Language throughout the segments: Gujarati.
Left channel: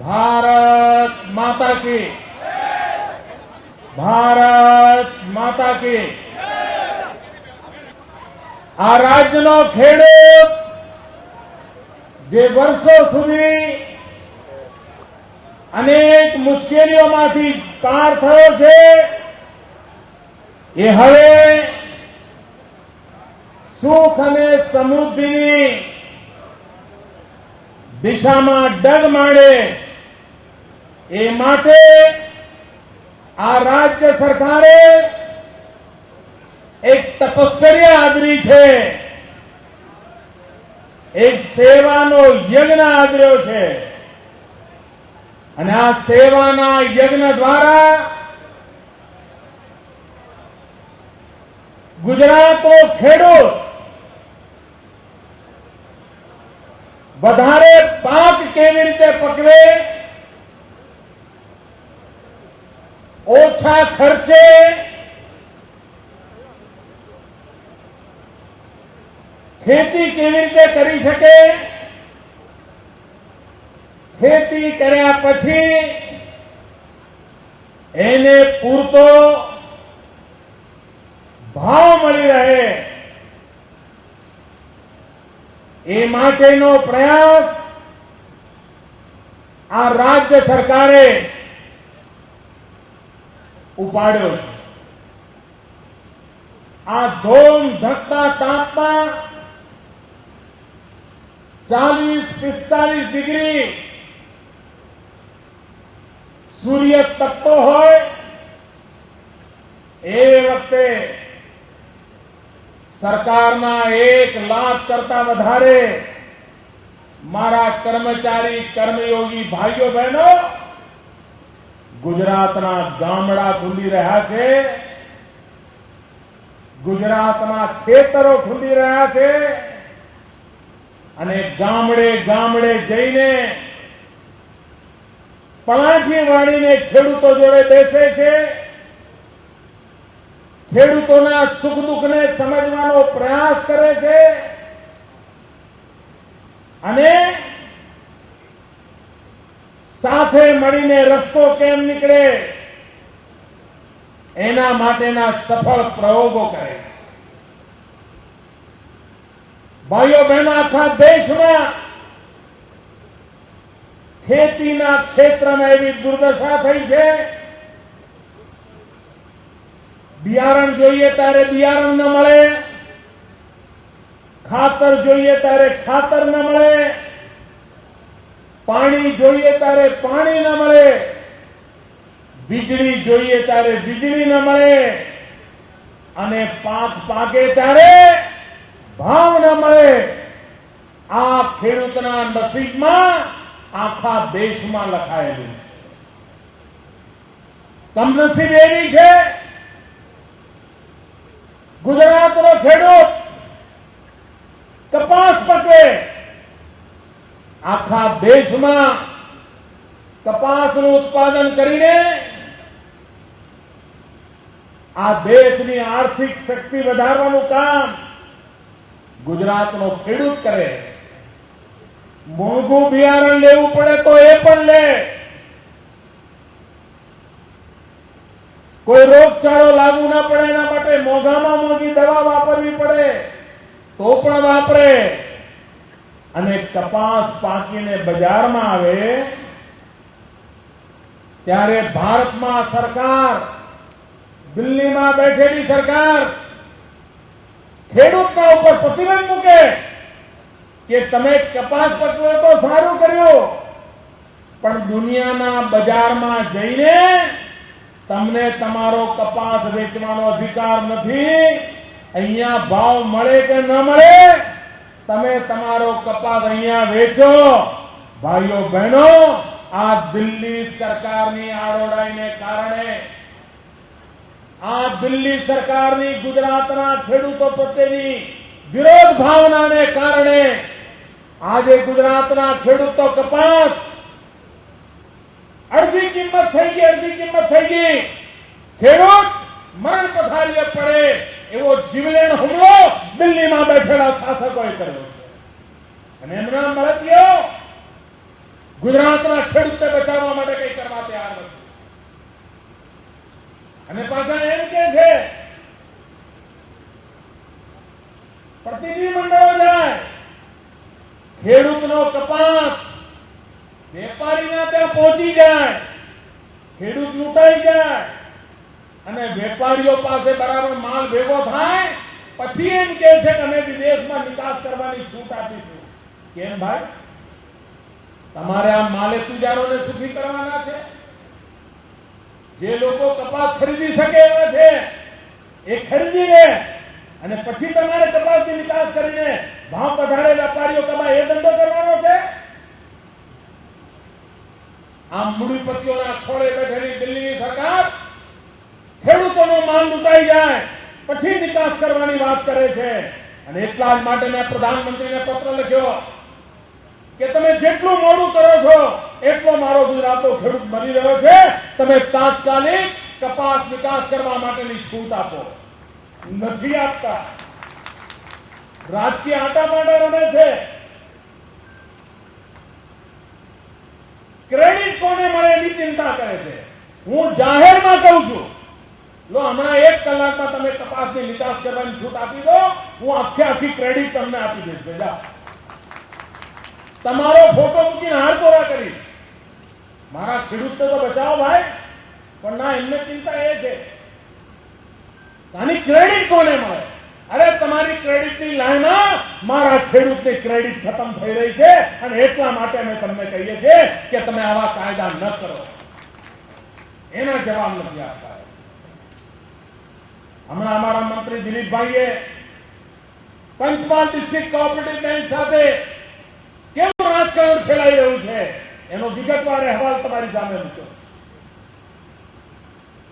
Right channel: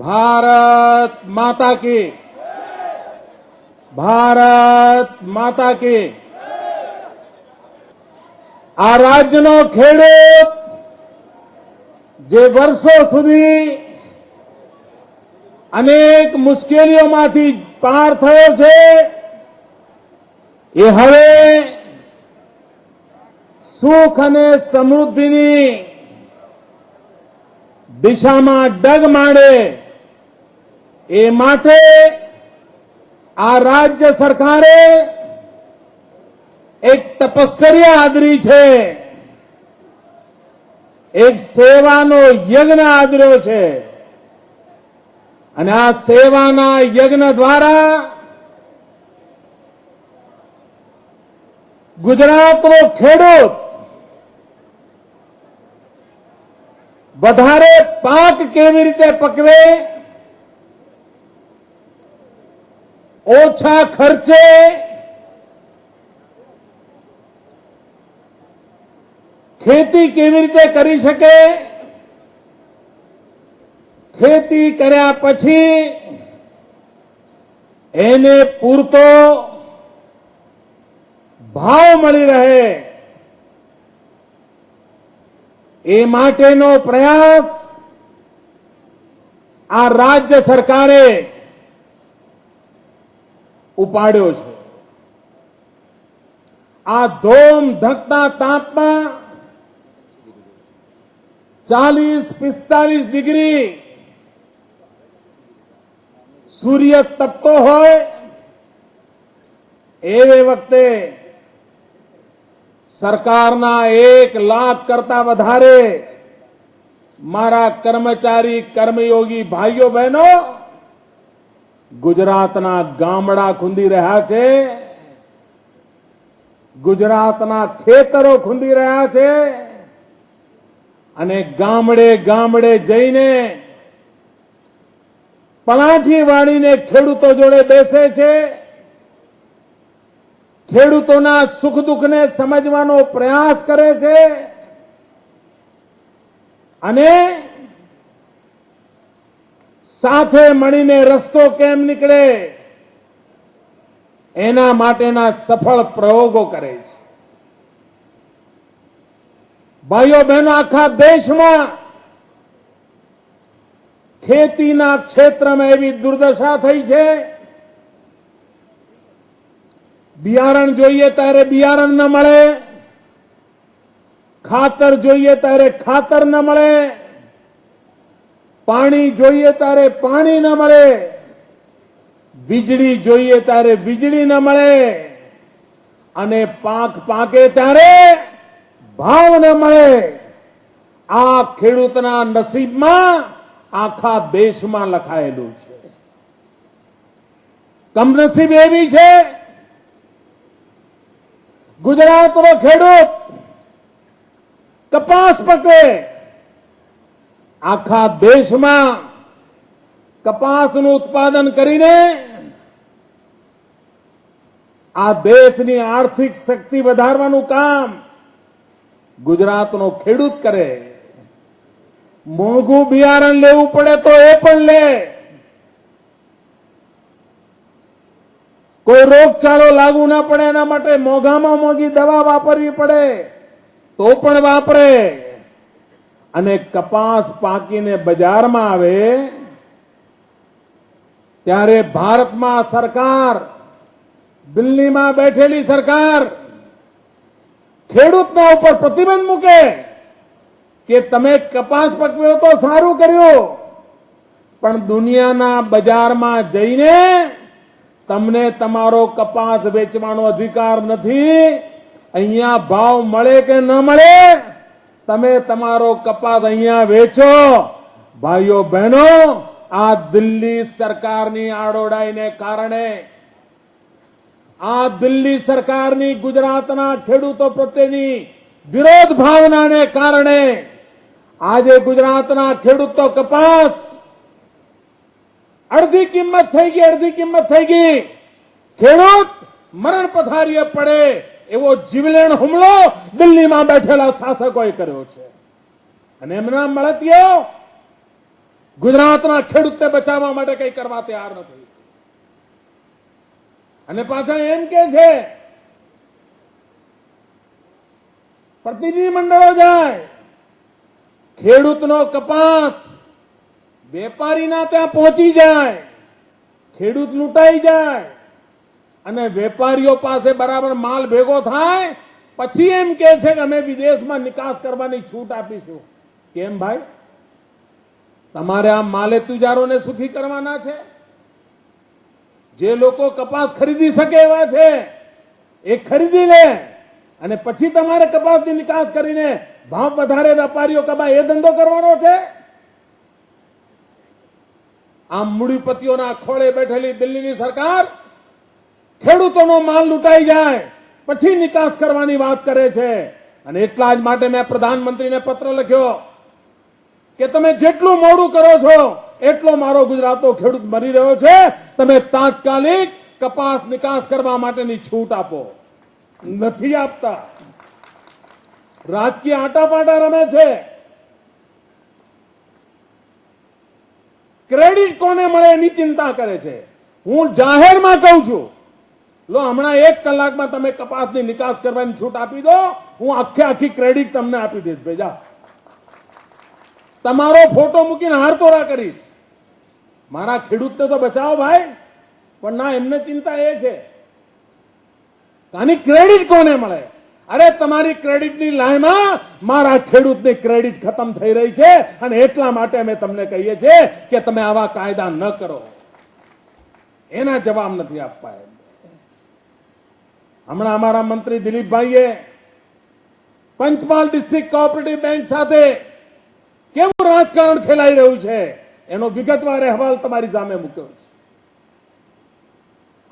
ભારત માતા કી, ભારત માતા કી। આ રાજ્યનો ખેડૂત જે વર્ષો સુધી અનેક મુશ્કેલીઓમાંથી પાર થયો છે, એ હવે સુખ અને સમૃદ્ધિની દિશામાં ડગ માંડે એ માટે આ રાજ્ય સરકારે એક તપશ્ચર્યા આદરી છે, એક સેવાનો યજ્ઞ આદર્યો છે અને આ સેવાના યજ્ઞ દ્વારા ગુજરાતનો ખેડૂત વધારે પાક કેવી રીતે પકવે, ઓછા ખર્ચે ખેતી કેવી રીતે કરી શકે, ખેતી કર્યા પછી એને પૂરતો ભાવ મળી રહે એ માટેનો પ્રયાસ આ રાજ્ય સરકારે ઉપાડ્યો છે। આ ધોમ ધકતા તાપમાં 40-45 ડિગ્રી સૂર્ય તપતો હોય એવે વખતે સરકારના 1 લાખ કરતા વધારે મારા કર્મચારી કર્મયોગી ભાઈઓ બહેનો ગુજરાતના ગામડા ખૂંદી રહ્યા છે, ગુજરાતના ખેતરો ખૂંદી રહ્યા છે અને ગામડે ગામડે જઈને પલાઠી વાળીને ખેડૂતો જોડે બેસે છે, ખેડૂતોના સુખ દુઃખને સમજવાનો પ્રયાસ કરે છે અને સાથે મળીને રસ્તો કેમ નીકળે એના માટેના સફળ પ્રયોગો કરે છે। ભાઈઓ બહેનો, આખા દેશમાં ખેતીના ક્ષેત્રમાં એવી દુર્દશા થઈ છે, બિયારણ જોઈએ ત્યારે બિયારણ ન મળે, ખાતર જોઈએ ત્યારે ખાતર ન મળે, પાણી જોઈએ ત્યારે પાણી ન મળે, વીજળી જોઈએ ત્યારે વીજળી ન મળે અને પાક પાકે ત્યારે ભાવ ન મળે। આ ખેડૂતના નસીબમાં આખા દેશમાં લખાયેલું છે। કમનસીબ એવી છે, ગુજરાતનો ખેડૂત કપાસ પકવે, આખા દેશમાં કપાસનું ઉત્પાદન કરીને આ દેશની આર્થિક શક્તિ વધારવાનું કામ ગુજરાતનો ખેડૂત કરે। મોંઘું બિયારણ લેવું પડે તો એ પણ લે, કોઈ રોગચાળો લાગુ ન પડે એના માટે મોંઘામાં મોંઘી દવા વાપરવી પડે તો પણ વાપરે અને કપાસ પાકીને બજારમાં આવે ત્યારે ભારતમાં સરકાર, દિલ્હીમાં બેઠેલી સરકાર ખેડૂતના ઉપર પ્રતિબંધ મૂકે કે તમે કપાસ પકવ્યો તો સારું કર્યું, પણ દુનિયાના બજારમાં જઈને તમને તમારો કપાસ વેચવાનો અધિકાર નથી। અહીંયા ભાવ મળે કે ન મળે, તમે તમારો કપાસ અહીંયા વેચો। ભાઈઓ બહેનો, આ દિલ્હી સરકારની આડોડાઈને કારણે, આ દિલ્હી સરકારની ગુજરાતના ખેડૂતો પ્રત્યેની વિરોધ ભાવનાને કારણે આજે ગુજરાતના ખેડૂતો કપાસ અડધી કિંમત થઈ ગઈ, ખેડૂત મરણ પથારીએ પડે એવો જીવલેણ હુમલો દિલ્હીમાં બેઠેલા શાસકોએ કર્યો છે અને એમના મળતીઓ ગુજરાતના ખેડૂતને બચાવવા માટે કંઈ કરવા તૈયાર નથી. અને પાછા એમ કે છે પ્રતિનિધિ મંડળો જાય, ખેડૂતનો કપાસ વેપારીના ત્યાં પહોંચી જાય, ખેડૂત લૂંટાઈ જાય અને વેપારીઓ પાસે બરાબર માલ ભેગો થાય પછી એમ કે છે કે અમે વિદેશમાં નિકાસ કરવાની છૂટ આપીશું. કેમ ભાઈ? તમારે આ માલે તુજારોને સુખી કરવાના છે? જે લોકો કપાસ ખરીદી શકે એવા છે એ ખરીદી લે અને પછી તમારે કપાસની નિકાસ કરીને ભાવ વધારે વેપારીઓ કપાય એ ધંધો કરવાનો છે? આ મૂડીપતિઓના ખોળે બેઠેલી દિલ્હીની સરકાર ખેડૂતોનો માલ લૂંટાઈ જાય પછી નિકાસ કરવાની વાત કરે છે. અને એટલા જ માટે મેં પ્રધાનમંત્રીને પત્ર લખ્યો કે તમે જેટલું મોડું કરો છો એટલો મારો ગુજરાતનો ખેડૂત મરી રહ્યો છે. તમે તાત્કાલિક કપાસ નિકાસ કરવા માટેની છૂટ આપો. નથી આપતા. રાજકીય આટાપાટા રમે છે. ક્રેડિટ કોને મળે એની ચિંતા કરે છે. હું જાહેરમાં કહું છું, લો હમણાં 1 કલાકમાં તમે કપાસની નિકાસ કરવાની છૂટ આપી દો, હું આખી ક્રેડિટ તમને આપી દઈશ. ભેજા તમારો ફોટો મૂકીને હારતોરા કરીશ. મારા ખેડૂતને તો બચાવો ભાઈ. પણ ના, એમને ચિંતા એ છે આની ક્રેડિટ કોને મળે. અરે તમારી ક્રેડિટની લાઈનમાં મારા ખેડૂતની ક્રેડિટ ખતમ થઈ રહી છે અને એટલા માટે અમે તમને કહીએ છીએ કે તમે આવા કાયદા ન કરો. એના જવાબ નથી આપતા. હમણાં અમારા મંત્રી દિલીપભાઈએ પંચમહાલ ડિસ્ટ્રિક્ટ કોઓપરેટિવ બેંક સાથે કેવું રાજકારણ ખેલાઈ રહ્યું છે એનો વિગતવાર અહેવાલ તમારી સામે મૂક્યો.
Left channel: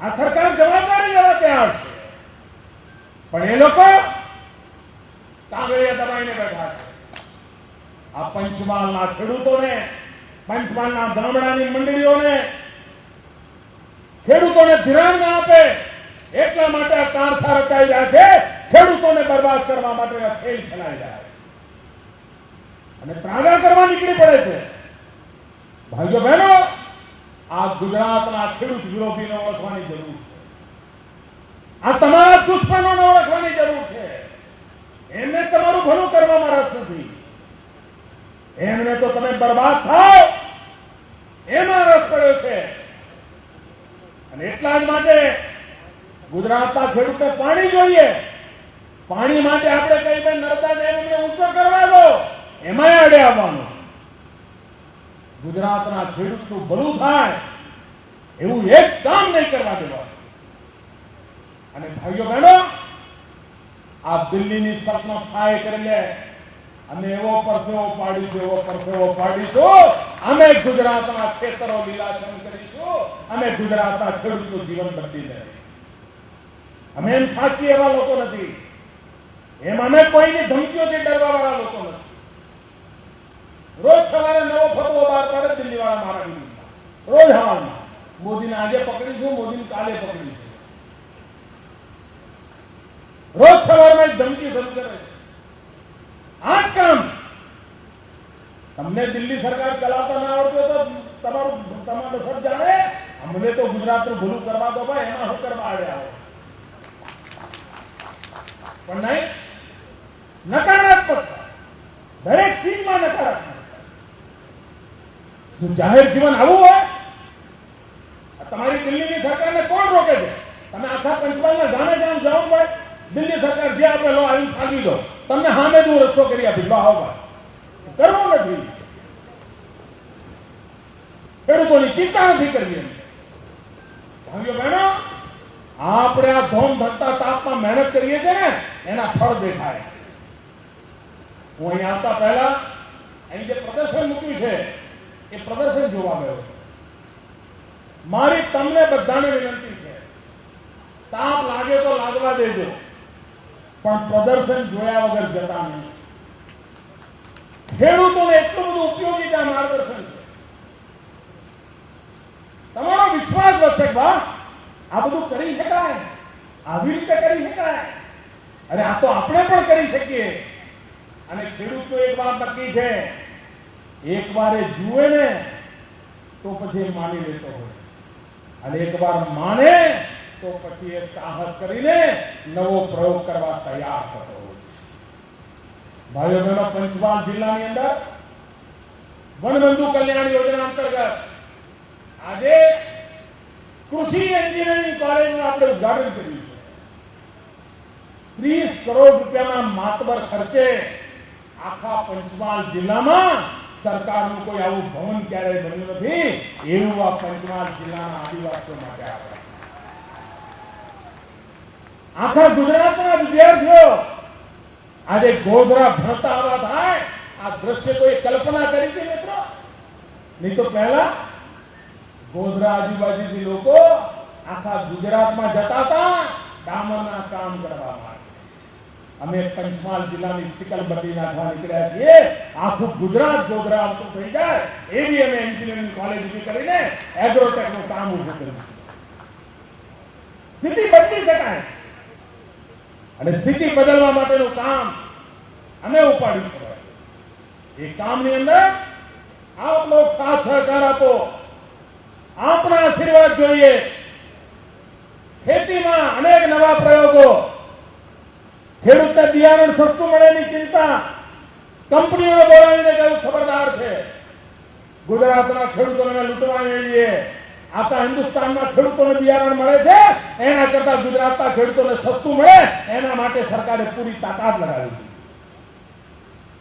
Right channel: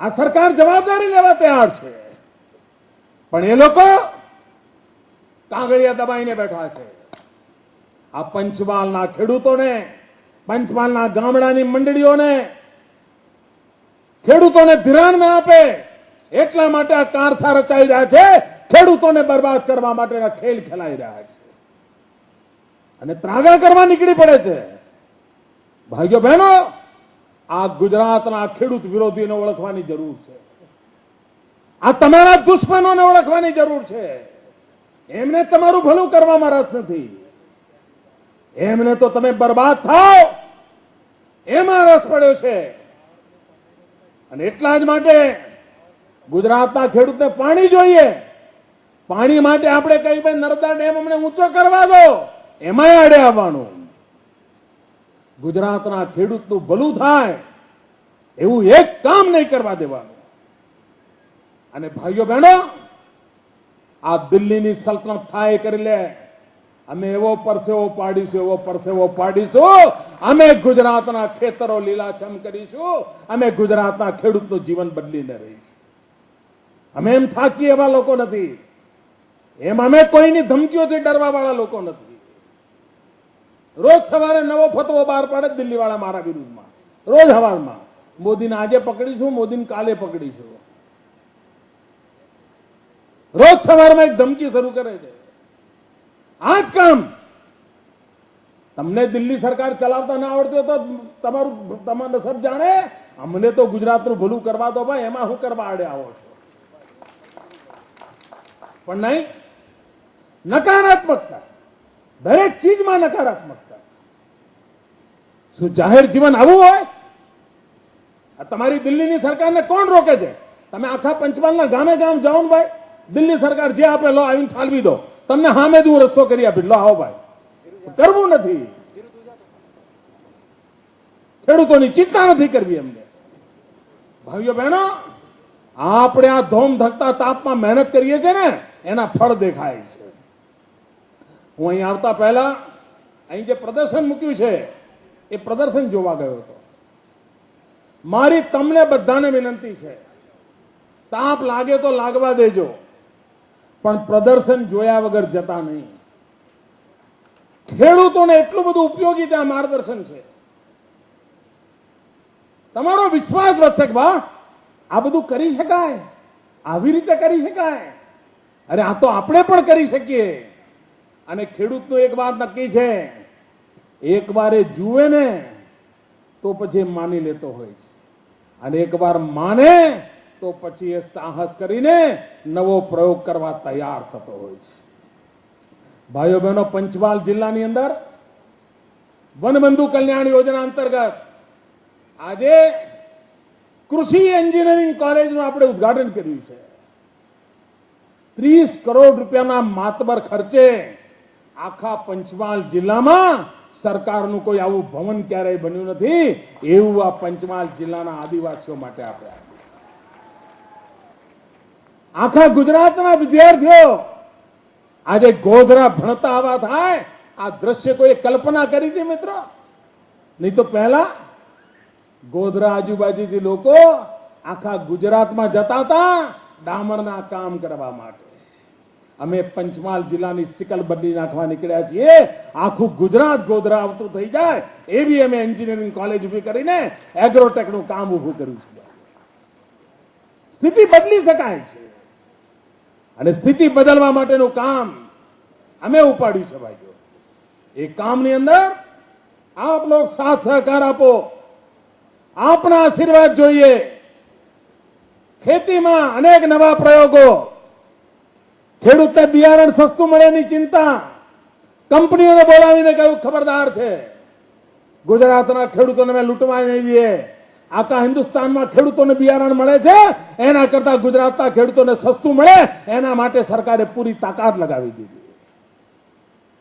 આ સરકાર જવાબદારી લેવા તૈયાર છે પણ એ લોકો કાંગળિયા દબાઈને બેઠા છે. આ પંચમહાલના ખેડૂતોને, પંચમહાલના ગામડાની મંડળીઓને, ખેડૂતોને ધિરાણ ના આપે એટલા માટે આ કારસા રચાઈ રહ્યા છે. ખેડૂતોને બરબાદ કરવા માટેના ખેલ ખેલાઈ રહ્યા છે અને ત્રાગા કરવા નીકળી પડે છે. ભાઈઓ બહેનો, આ ગુજરાતના ખેડૂત વિરોધીને ઓળખવાની જરૂર છે. આ તમારા દુશ્મનોને ઓળખવાની જરૂર છે. એમને તમારું ભલું કરવામાં રસ નથી. એમને તો તમે બરબાદ થાઓ એમાં રસ પડ્યો છે. અને એટલા જ માટે ગુજરાતના ખેડૂતને પાણી જોઈએ. પાણી માટે આપણે કઈ ભાઈ નર્મદા ડેમ અમને ઊંચો કરવા દો, એમાં અડે આવવાનું. ગુજરાતના ખેડૂતનું ભલું થાય એવું એક કામ નહીં કરવા દેવા. અને ભાઈઓ બહેનો, આ દિલ્હીની સલ્તનત થાય કરી લે, અમે એવો પરસેવો પાડીશું, એવો પરસેવો પાડીશું. અમે ગુજરાતના ખેતરો લીલાછમ કરીશું. અમે ગુજરાતના ખેડૂતનું જીવન બદલીને રહીશું. અમે એમ થાકીએ એવા લોકો નથી. એમ અમે કોઈની ધમકીઓથી ડરવા વાળા લોકો નથી. રોજ સવારે નવો ફતવો બહાર પાડે દિલ્હી વાળા મારા વિરુદ્ધમાં, રોજ હવાલમાં. મોદીને આજે પકડીશું, મોદીને કાલે પકડીશું. રોજ સવારમાં એક ધમકી શરૂ કરે છે. આ જ કામ તમને દિલ્હી સરકાર ચલાવતા ના આવડતું તો તમારું સબ જાણે. અમને તો ગુજરાતનું ભલું કરવા દો ભાઈ, એમાં શું કરવા આડે આવો. પણ નહીં, નકારાત્મકતા, દરેક ચીજમાં નકારાત્મકતા. શું જાહેર જીવન આવું હોય? તમારી દિલ્હીની સરકારને કોણ રોકે છે? તમે આખા પંચમહાલના ગામે ગામ જાઓ ને ભાઈ, દિલ્હી સરકાર જે આપે લો આવીને ફાળવી દો, તમને સામે જ હું રસ્તો કરી આપીશ, લો આવો ભાઈ. કરવું નથી. ખેડૂતોની ચિંતા નથી કરવી એમને. ભાઈઓ બહેનો, આપણે આ ધોમ ધકતા તાપમાં મહેનત કરીએ છીએ ને એના ફળ દેખાય છે. હું અહીં આવતા પહેલા અહીં જે પ્રદર્શન મૂક્યું છે એ પ્રદર્શન જોવા ગયો. મારી તમને બધાને વિનંતી છે, તાપ લાગે તો લાગવા દેજો પણ પ્રદર્શન જોયા વગર જતા નહીં. ખેડૂતોને એટલું બધું ઉપયોગી છે આ માર્ગદર્શન છે. તમારો વિશ્વાસ વધશે કે વાહ, આ બધું કરી શકાય, આવી રીતે કરી શકાય. અરે આ તો આપણે પણ કરી શકીએ. અને ખેડૂતનું એક વાત નક્કી છે, એક વાર એ જુએ ને તો પછી એ માની લેતો હોય, અને એકવાર માને તો પછી એ સાહસ કરીને નવો પ્રયોગ કરવા તૈયાર થતો હોય છે. ભાઈઓ બહેનો, પંચમહાલ જિલ્લાની અંદર વનબંધુ કલ્યાણ યોજના અંતર્ગત આજે કૃષિ એન્જિનિયરિંગ કોલેજનું આપણે ઉદ્ઘાટન કર્યું છે. 30 કરોડ રૂપિયાના માતબર ખર્ચે આખા પંચમહાલ જિલ્લામાં સરકારનું કોઈ આવું ભવન ક્યારેય બન્યું નથી, એવું આ પંચમહાલ જિલ્લાના આદિવાસીઓ માટે આપ્યા. આખા ગુજરાતના વિદ્યાર્થીઓ આજે ગોધરા ભણતા આવા થાય, આ દ્રશ્ય કોઈ કલ્પના કરી હતી મિત્રો? નહીં તો પહેલા ગોધરા આજુબાજુથી લોકો આખા ગુજરાતમાં જતા હતા ડામરના કામ કરવા માટે. અમે પંચમહાલ જિલ્લાની સિકલબત્તી નાખવા નીકળ્યા છીએ, આખું ગુજરાત ગોધરા આવતું થઈ જાય એવી અમે એન્જિનિયરિંગ કોલેજ ઉભી કરીને એગ્રોટેકનું કામ ઉભું કર્યું. સ્થિતિ બદલી શકાય, અને સ્થિતિ બદલવા માટેનું કામ અમે ઉપાડ્યું છે. ભાઈ, એ કામની અંદર આપ લોકો સાથ સહકાર આપો, આપના આશીર્વાદ જોઈએ. ખેતીમાં અનેક નવા પ્રયોગો, ખેડૂતને બિયારણ સસ્તું મળેની ચિંતા, કંપનીઓને બોલાવીને કહ્યું ખબરદાર છે, ગુજરાતના ખેડૂતોને અમે લૂંટવા મળીએ. આખા હિન્દુસ્તાનમાં ખેડૂતોને બિયારણ મળે છે, એના કરતા ગુજરાતના ખેડૂતોને સસ્તું મળે એના માટે સરકારે પૂરી તાકાત લગાવી દીધી.